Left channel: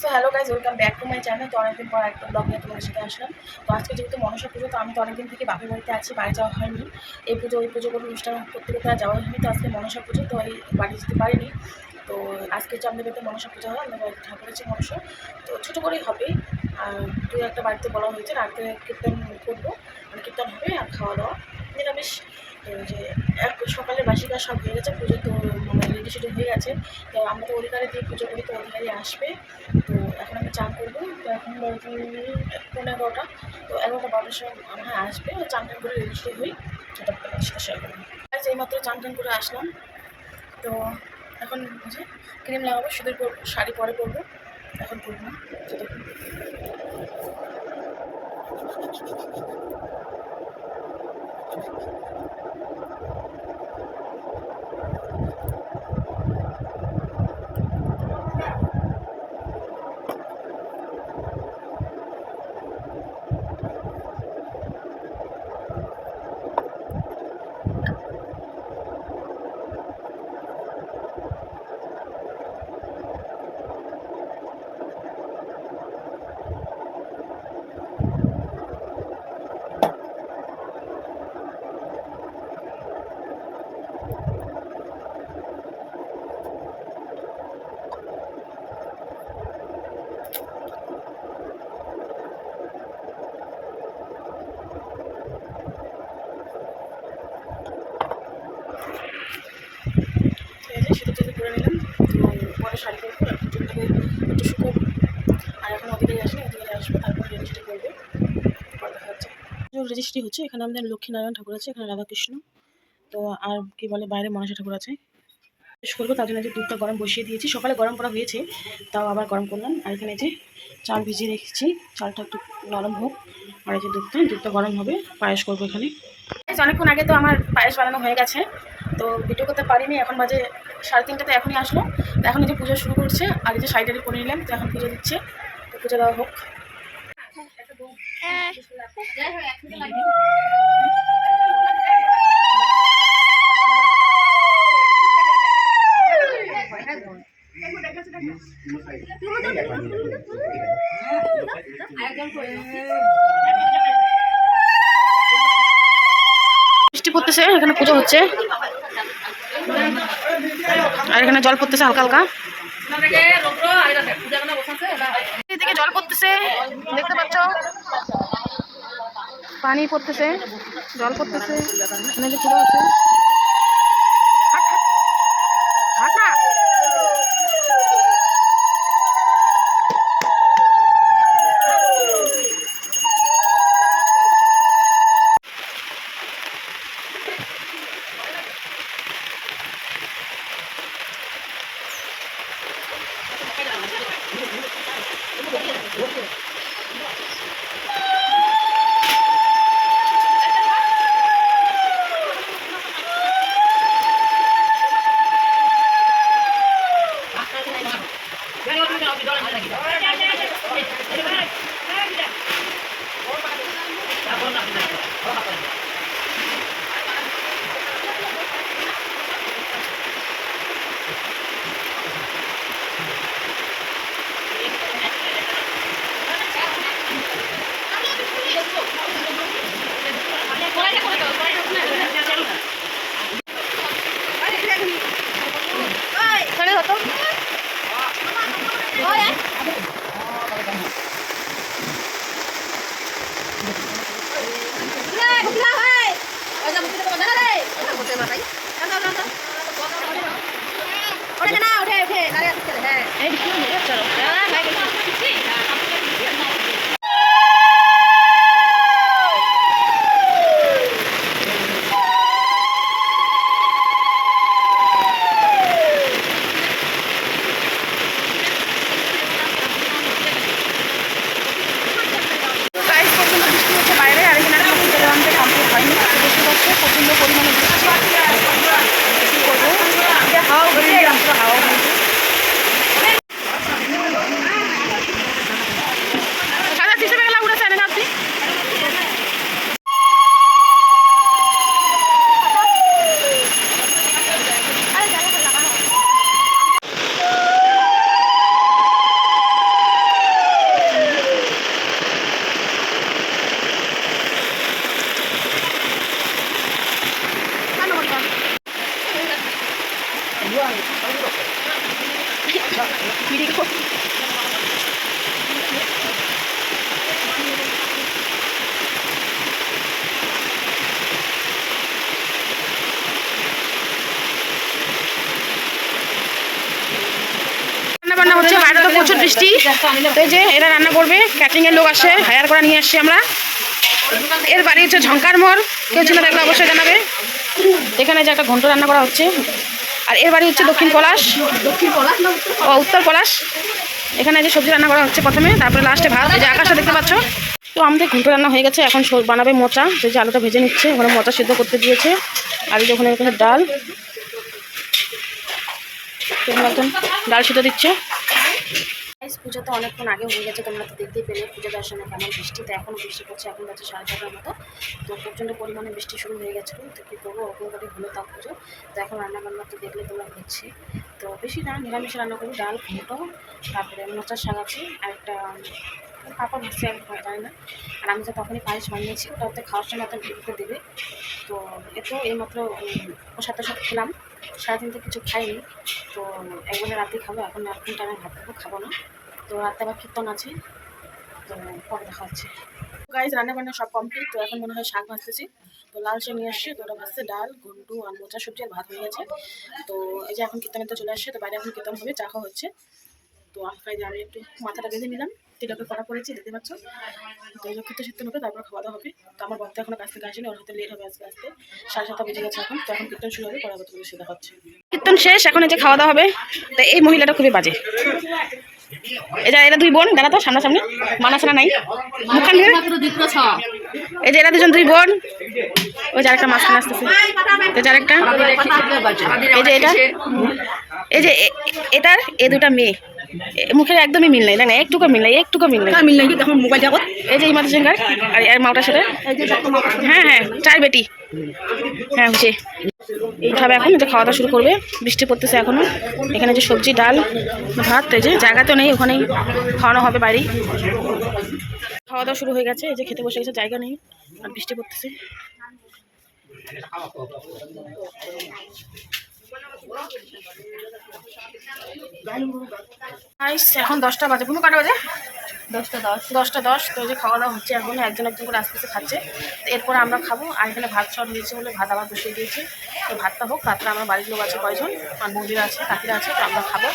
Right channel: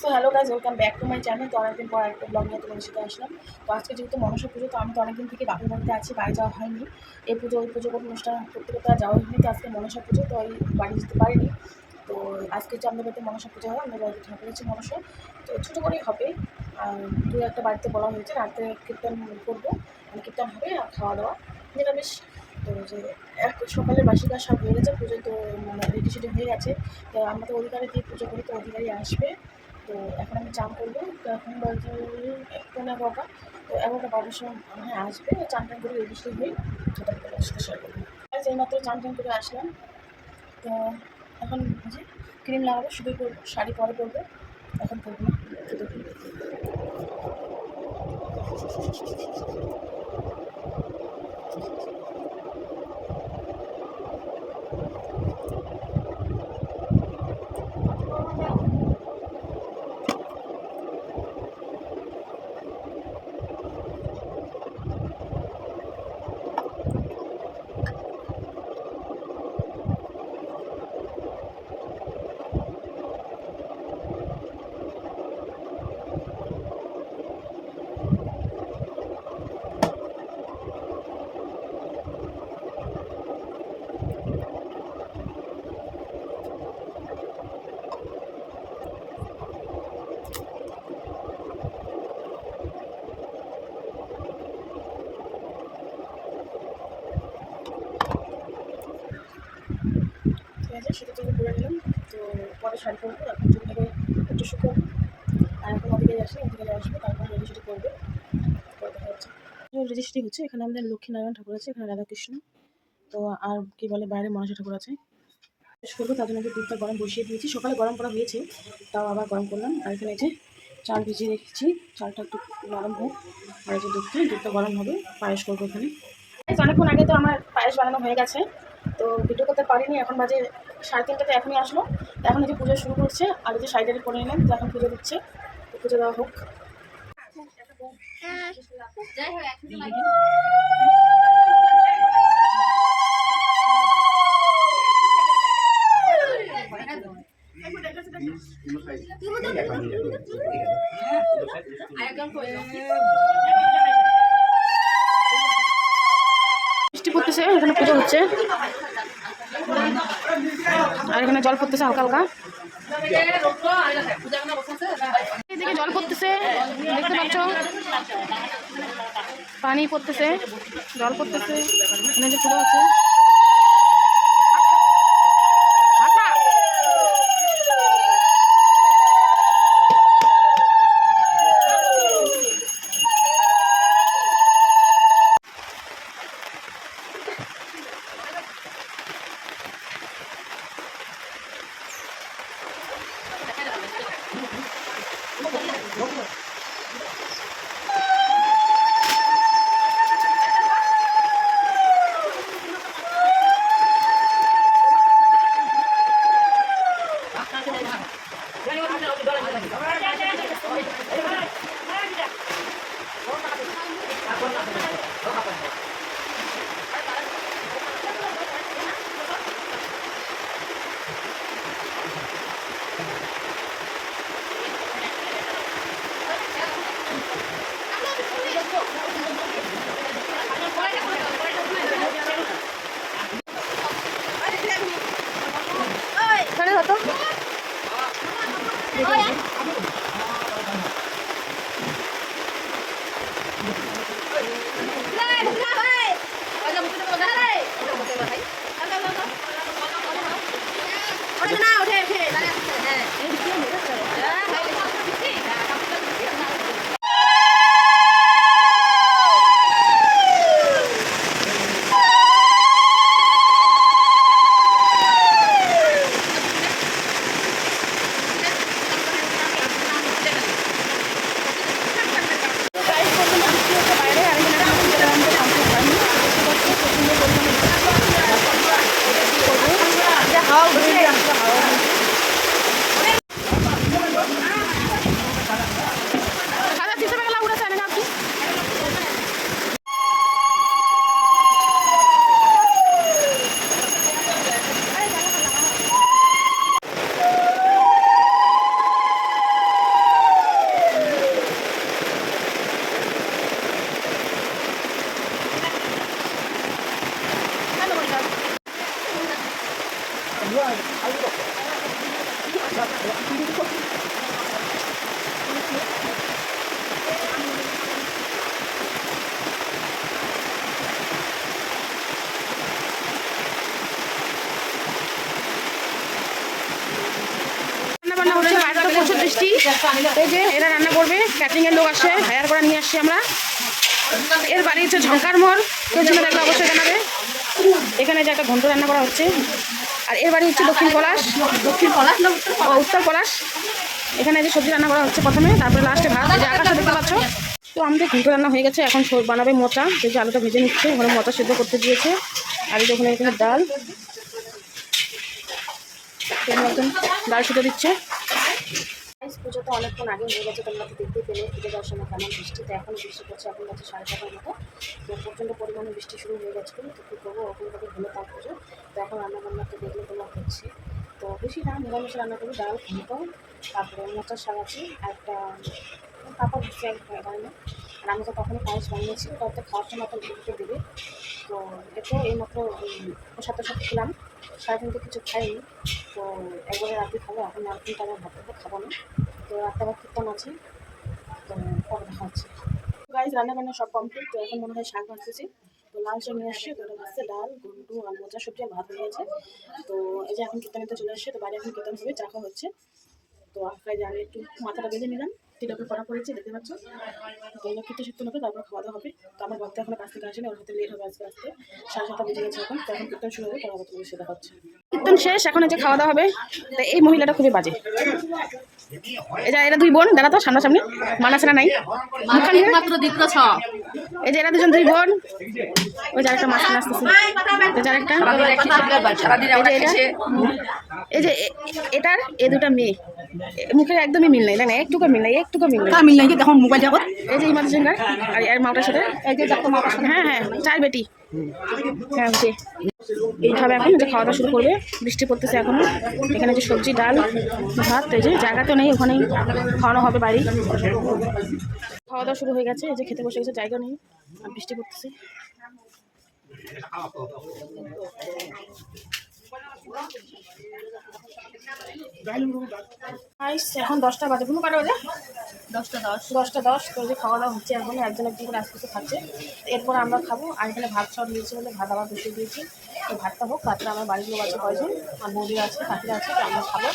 So hello guys, welcome back to my channel. তো অনেকদিন পর একটা ব্লগ নিয়ে তোমাদের সাথে আসলাম। তো আজকে যেহেতু মনসা পুজো, তো আমি তো অনেকদিন থেকে বাপের বাড়িতে আছি, বাড়ি যাওয়া হয়নি। এই পুজো ওই পুজো কোনো অনুষ্ঠান করতে করতে আর যাওয়া হয়নি। তো আজকে মনসা পুজো, তো এই বাড়ি যেতে পারিনি। তো আজকে হচ্ছে আমাদের বাড়িতে মনসা পুজো হয়, আমাদের বাড়িতে ঠাকুর আছে মনসা। তো ছোটো করেই হবে। আর দু একটা বাড়িতে বলা হয়েছে রাতে কীর্তন করবো, মানে কীর্তন হবে আর খাওয়া দাওয়া নিরামিষ। তো যে এক সকালে বাসি কাজ সব হয়ে গেছে, পুজো তো মানে রেডি সেডি হয়ে গেছে। তো আমরা তো অধিকারে দিয়ে পুজো করি, তো অধিকারী আসবে। তো এখন আমি চান করবো। তো এখন বলতে 11:30। তো 11:12টার সময় মনে হয় আসবে। চান টান করে রেডি সেডি হই, সেটা সাথে শেয়ার করবো। এইমাত্র চান টান করে আসলাম। তো এখন যে ক্রিম লাগাবো, সিঁদুর পরবো, শাড়ি পরে পরবো, এখন পরবো না। তো দেখুন ঠিক আছে, সেটা যদি করে নিলাম। তো পরে শাড়ি পরবো, এখন চুলটাকে একটু শুকোবো। আর এখন অধিকারী আসলে অধিকারী আসবে, তারপর রেজিস্ট্রি করবে। পরে দেখা যাচ্ছে রেজিস্ট্রি হচ্ছে। এখানে আমাদের লক্ষ্মীনারায়ণ ঠাকুর আছে, এখানে রাধাকৃষ্ণ। তো আর কি বলে, বাইরে মনসা ঠাকুর আছে। শেষ করবো, তার জন্য যে দুধটা গরম বসিয়ে দিয়েছি, সকালে গরম করা হয়েছে, তাও আবার গরম করলাম। আর এখানে যে চাল ভিজিয়ে রেখেছি, চালটা একটু নরম হোক। আর এই যে দুধটা গরম হবে, পায়েস করবো এখানে। অনেকক্ষণ আগে তো আমার পায়েস বানানো হয়ে গেছে, তো ভিডিও করতে পারিনি। এখন বাজে 3:30, এখনই আসলো। তো এখন এই যে পুজো শুরু করছে, আর এই যে শাড়িটারি পরে নিলাম। তো এখন পুজো দিচ্ছে, তো পুজো দেওয়া হোক। বৃষ্টি পড়তেছে, এখানে পুজো হচ্ছে, আর এখানে জল পড়তেছে হালকা হালকা। এদিকে জল পড়তেছে, দেখতে পাচ্ছ, পানি পড়তেছে, জল পড়তেছে। এখানে যে পুজো হচ্ছে, হতো রান্না হচ্ছে, বাইরে তো প্রচুর বৃষ্টি। তো এই যে এরা রান্না করবে, ক্যাটারিংয়ের লোক আসে, হায়ার করা নিয়ে আসছি আমরা। এর বাড়ি হচ্ছে ঝঙ্কার মোড়, কেউ চিনে দেখলে অবশ্যই জানাবে। এখানে যে একটা ঘন্ট রান্না করা হচ্ছে। আর এর বাড়ি হচ্ছে দক্ষিণ পলাশ, ও উত্তর পলাশ। এখানে যে সবজি রান্না করা হচ্ছে প্রথমে, তারপরে লাস্টে ভাত। এই যে আকাশটা দেখতে পাচ্ছ। তো আমাদের ঘন্ট রান্না হয়ে গেছে, এখন বানাবে মোচা। যে আলুটা ভেজে নিচ্ছে, ওখানে মোচা সিদ্ধ করতে দিয়েছে। আর এই যে ওখানে ডাল, একজন ডাল সিদ্ধ দিচ্ছে। পুজো তো অনেকক্ষণ আগে হয়ে গেছে, তোমরা তো দেখতেই পেলে পুজো দর্শনে কেমন বৃষ্টি। তো এখনও বৃষ্টি পড়ছে, এখন যাচ্ছে 6:30টার মতো। তো প্রচণ্ড পরিমাণে বৃষ্টি শুরু হয়ে গেছিলো। তো কী করবো, ওরকম করে হলো তাও পুজো। তো এখন রান্নাবান্না তো দেখলে তোমরা হচ্ছে। তো বেশি না, নিরামিষে রান্না করি, ডাল ঘন্ট, তারপরে মোচার শাক আছে, আর একটা পাপড় ভাজছে, জানি না। আর আমি তো তখনই পায়েস বানিয়েছি, ওটা ওতে খাওয়ার সময় একটা ভিডিওতে দেবে। তো এতেও এইমাত্র প্রসাদ সব খেলাম, সারাদিন তো কিছু খাইনি। তো একবারে রাতে খাবো, এখন এখন টাইমে ভাত খাবো না। তো রাতে আবার কীর্তন আছে, তো পরে দেখা হচ্ছে। গাইজ রান্নাবান্না সব কমপ্লিট। তো এখন মনে হয় শাক ভাজতেছি। তো লাল শাক নিয়ে আসছে, তো ওটা ভাজছে, ডাল ঘন্টু আর মোচা সবজি আর ভাত হয়ে গেছে। তো এই যে এখন কীর্তনে তো চলে আসছে, তো বাইরে এখন কীর্তন হবে, চা খাওয়া হচ্ছে। তো আজকে যে আমি একটু মাথাটা বেঁধে নিলাম, তিলকে করা পড়েছি, দেখতে পাচ্ছ। তো এই কীর্তন হবে, তারপর খাওয়া দাওয়া হবে। তো আমার বক্তা এখনো কাছ থেকে আসেনি, ওর হাতে লেট হবে আজকে আসতে। 7:30 বেজে গেছে এখন। তো এখন কীর্তন শুরু হবে, পরে আবার তোমাদের সাথে দেখা হচ্ছে। কীর্তন শেষ, এখন এই যে খাওয়া দাওয়া হবে। তো এই মহিলাটা খুবই বাজে। এরা দুই বোন, জানা তো সামনাসামনি, মানাসানা নাই মুখখান দিয়ে। এই যে এরা দুজন দুই বোন। ওই যে আরেকটা মাঝখানে আসতেছে, এই যে আরেকটা, এই যে এটা, এই যে এটার এই দুটা মেয়ে, মুখের একদমই মিল নাই, না একটুকু মিল নাই, একটুকু মিল নাই। দেখুন মোবাইল জগৎ। এই যে ইমাদ সিংহার আর মাওটার সাথে, হ্যাঁ হ্যাঁ চার বেটি, হ্যাঁ হচ্ছে। উঠাবে এখন, যে খাওয়া দাওয়া শুরু করবে। বৃষ্টি পড়তেছে এখনো। এখানে যে সবজি ডাল ভাত, এই যে জায়গা তো নেই, ওখানেই খাওয়ানো হবে বাড়ি। খাওয়া দাওয়া শুরু হয়ে গেছে, এই যে খেতে বসে গেছে, জায়গা নেই আর বৃষ্টি পড়তেছে। এখন 10টা বাজে, কোনো কটা বাজে 10:10। তো যে খাওয়া দাওয়া হচ্ছে, এখন একজন একজন করে আস্তে আস্তে খাচ্ছে। এরপরে আমরা খাবো। আর এখানে ভাত সব দিয়েছে বলে ভাত আবার বসিয়ে দিয়েছি। তো ভাতটা হোক, তারপরে আমার বাড়ির লোক আছে কয়জন, আর বৌদিরা আছে, কাকিরা আছে, তো আমরা খাবো।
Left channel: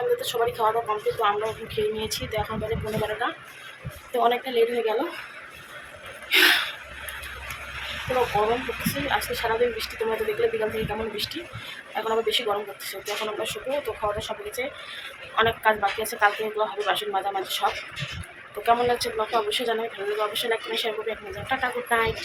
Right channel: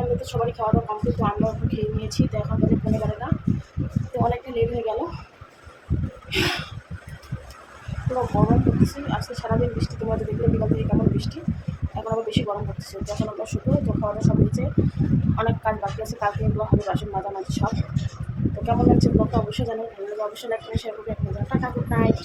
আমাদের তো সবারই খাওয়া দাওয়া কমপ্লিট। তো আমরা এখন খেয়ে নিয়েছি। তো এখন বাজে 11:30। তো অনেকটা লেট হয়ে গেল। পুরো গরম করতেছে আজকে সারাদিন বৃষ্টি, তোমরা তো দেখলে বিকাল থেকে কেমন বৃষ্টি। এখন আবার বেশি গরম করতেছে। তো এখন আমরা শুকনো। তো খাওয়া দাওয়া সব হয়েছে, অনেক কাজ বাকি আছে, কালকে এগুলো হবে, বাসন মাঝামাঝি সব। তো কেমন লাগছে ব্লগটা অবশ্যই জানাবে, ভালো লাগবে অবশ্যই লাইক করে শেয়ার করবে। এখন টাটা, গুড নাইট।